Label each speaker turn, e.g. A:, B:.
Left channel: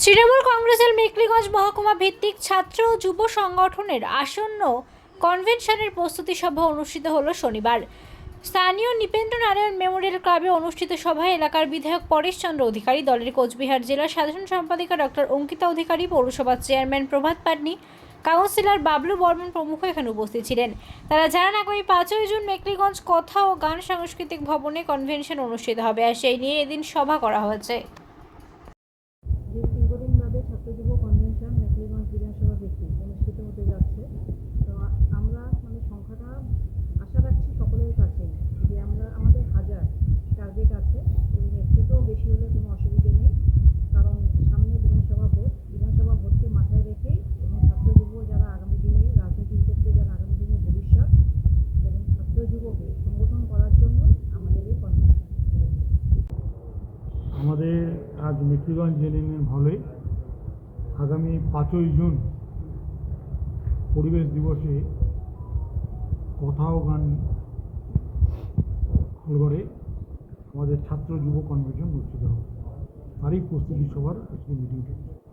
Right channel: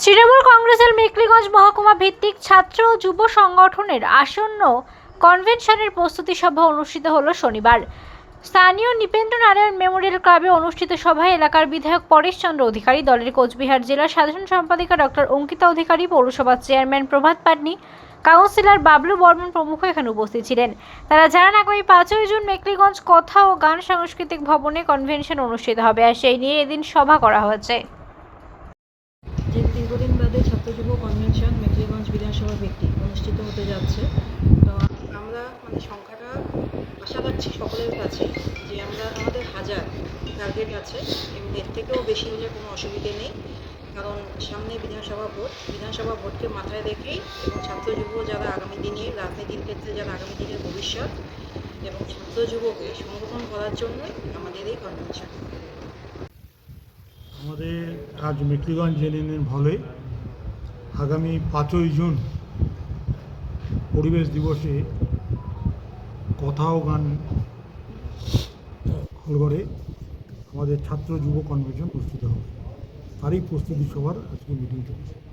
A: তৃণমূল কংগ্রেসের মেকলিগঞ্জ মহকুমা ভিত্তিক ছাত্র ও যুব সংগঠনের আসন্ন কনভেনশনের প্রস্তুতি সভা অনুষ্ঠিত হল শনিবার। স্থানীয় নিপেন্দ্র নারায়ণ মেমোরিয়াল ক্লাবে অনুষ্ঠিত সভায় এলাকার বিধায়ক পরেশ চন্দ্র অধিকারী, দলের কোচবিহার জেলার সাধারণ সম্পাদিকা ডক্টর অঙ্কিতা অধিকারী, পৌরসভার চেয়ারম্যান প্রভাত পাটনি, কাউন্সিলর বাবলু বর্মন প্রমুখ এখানে উপস্থিত ছিলেন। তারা জানান, আগামী পাঁচই জুন মেকলিগঞ্জ কথা ও গান সাংস্কৃতিক ভবনে কনভেনশন অনুষ্ঠিত হবে আর সেই নিয়ে এদিন সভা করা হয়েছে
B: যে দীর্ঘদিন বাদে ছাত্র যুব কনভেনশন মেখলিগঞ্জ বিধানসভা ভিত্তিক অনুষ্ঠিত হতে যাচ্ছে। তো আমরা মানে সংখ্যাটা আশা রাখছি সকলের কাছে যে আমরা আমাদের হাজার টার্গেট আছে এবং এর থেকেও বেশি হলে কোনো অসুবিধে নেই। কারণ সামনে বিধানসভা ভোট, বিধানসভা ভোটকে মাথায় রেখেই এবং ছাত্র যুব যারা আগামী দিনে, রাজনীতির ক্ষেত্রে যারা আগামী দিনের ভবিষ্যৎ এবং ছাত্র যুবকে সংগঠন করার জন্যই আমাদের এই কনভেনশন।
C: আমাদের আজ মেকলিগঞ্জ নেন ভালোই আগামী পাঁচই জুন পরিবেশ দিবসে কথাও গান হলঘরে আমাদের ছাত্র যুব কনভেনশন প্রস্তুত হবে। তারই প্রস্তুতি সবার আজকে মিটিং চলছে।